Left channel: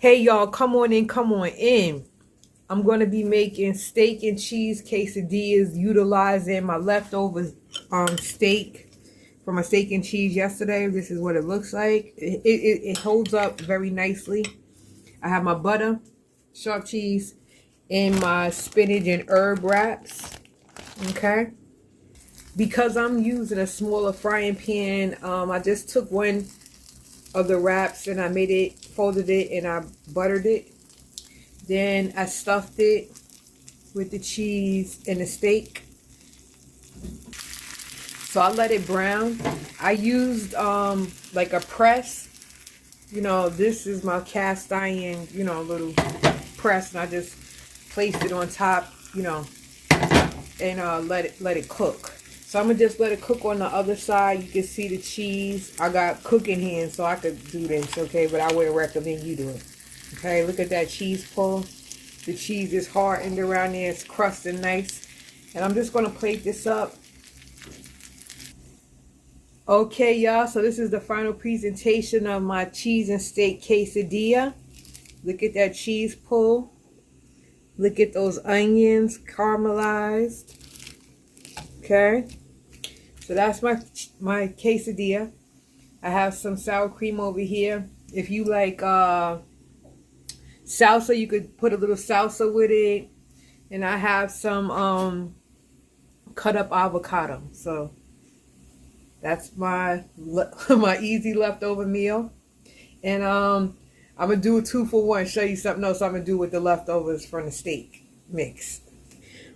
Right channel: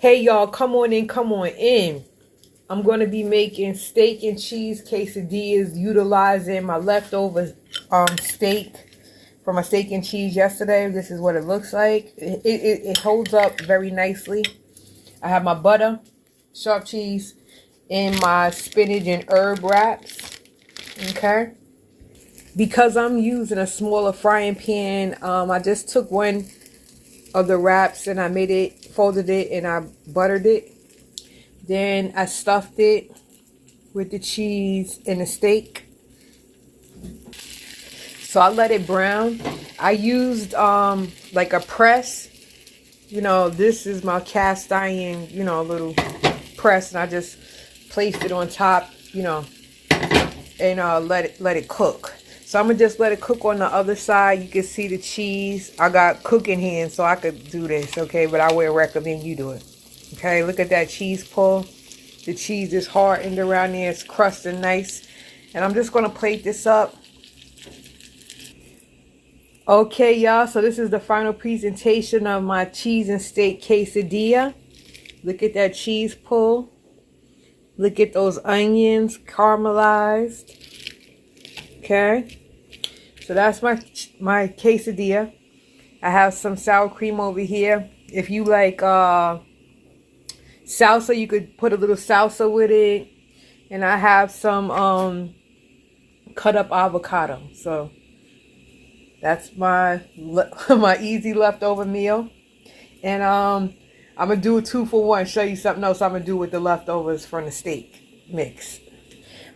Hey y'all, come on in, come on in. I'm going to be making steak and cheese quesadillas utilizing my leftover steak from my steak and cheese yesterday. This is what it looks like. It holds up very nicely. I have my butter, sharp cheese, and my spinach and herb wraps. Okay. Because I'm using a smaller frying pan, I just took one of the wraps and I made it, folded it, and I buttered it. Then I stuffed it with the cheese and the steak. So I let it brown. I used like a press. You know, this is my cast iron, little press, and I just placed it on top, and let it cook. So I'm gonna just let it cook on the other side. You can see the cheese. I got cooking hands, so I could do this, okay? But I would recommend you do it. Okay, look at that cheese pull. The cheese is hardened around there. It's crusted nice. And I'm just gonna plate this up. Okay, y'all, so this is the final presentation of my cheese and steak quesadilla. Look at that cheese pull. Look at those onions caramelized. Okay, so that's my quesadilla. I have some sour cream over here. If you like salsa, you could put a little salsa with it. And I have some cut up avocado. So that's my my easy leftover meal. And I'm gonna do a 2-for-1. Show you something else I'm gonna do with the leftovers from the steak mix.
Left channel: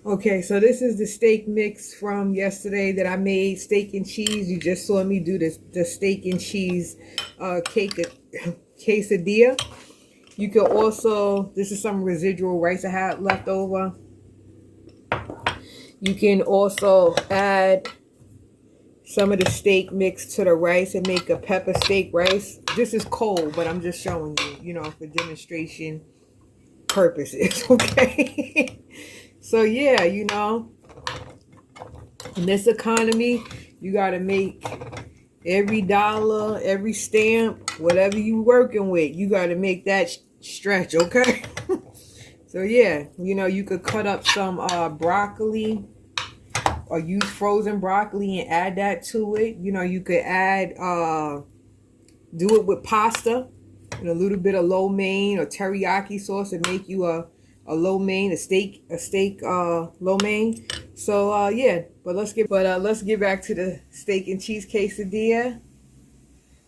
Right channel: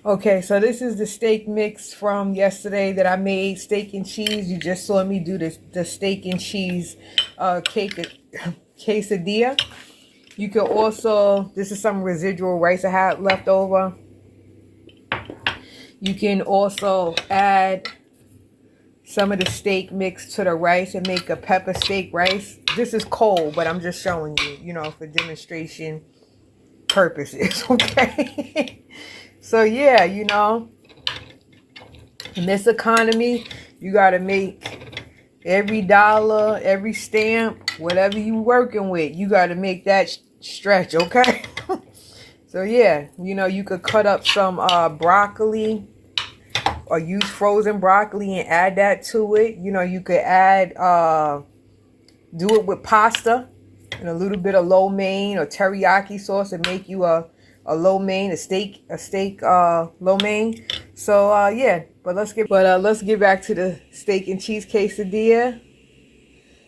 Okay, so this is the steak mix from yesterday that I made, steak and cheese. You just saw me do the steak and cheese quesadilla. You could also, this is some residual rice I had left over. You can also add some of the steak mix to the rice and make a pepper steak rice. This is cold, but I'm just showing you, for demonstration purposes, okay? So yeah, in this economy, you got to make every dollar, every stamp, whatever you working with, you got to make that stretch, okay? So yeah, you could cut up some broccoli or use frozen broccoli and add that to it. You could add, do it with pasta and a little bit of lo mein or teriyaki sauce and make you a lo mein, a steak lo mein. So yeah, but let's get back to the steak and cheese quesadilla.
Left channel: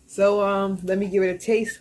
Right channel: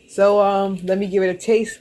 So let me give it a taste.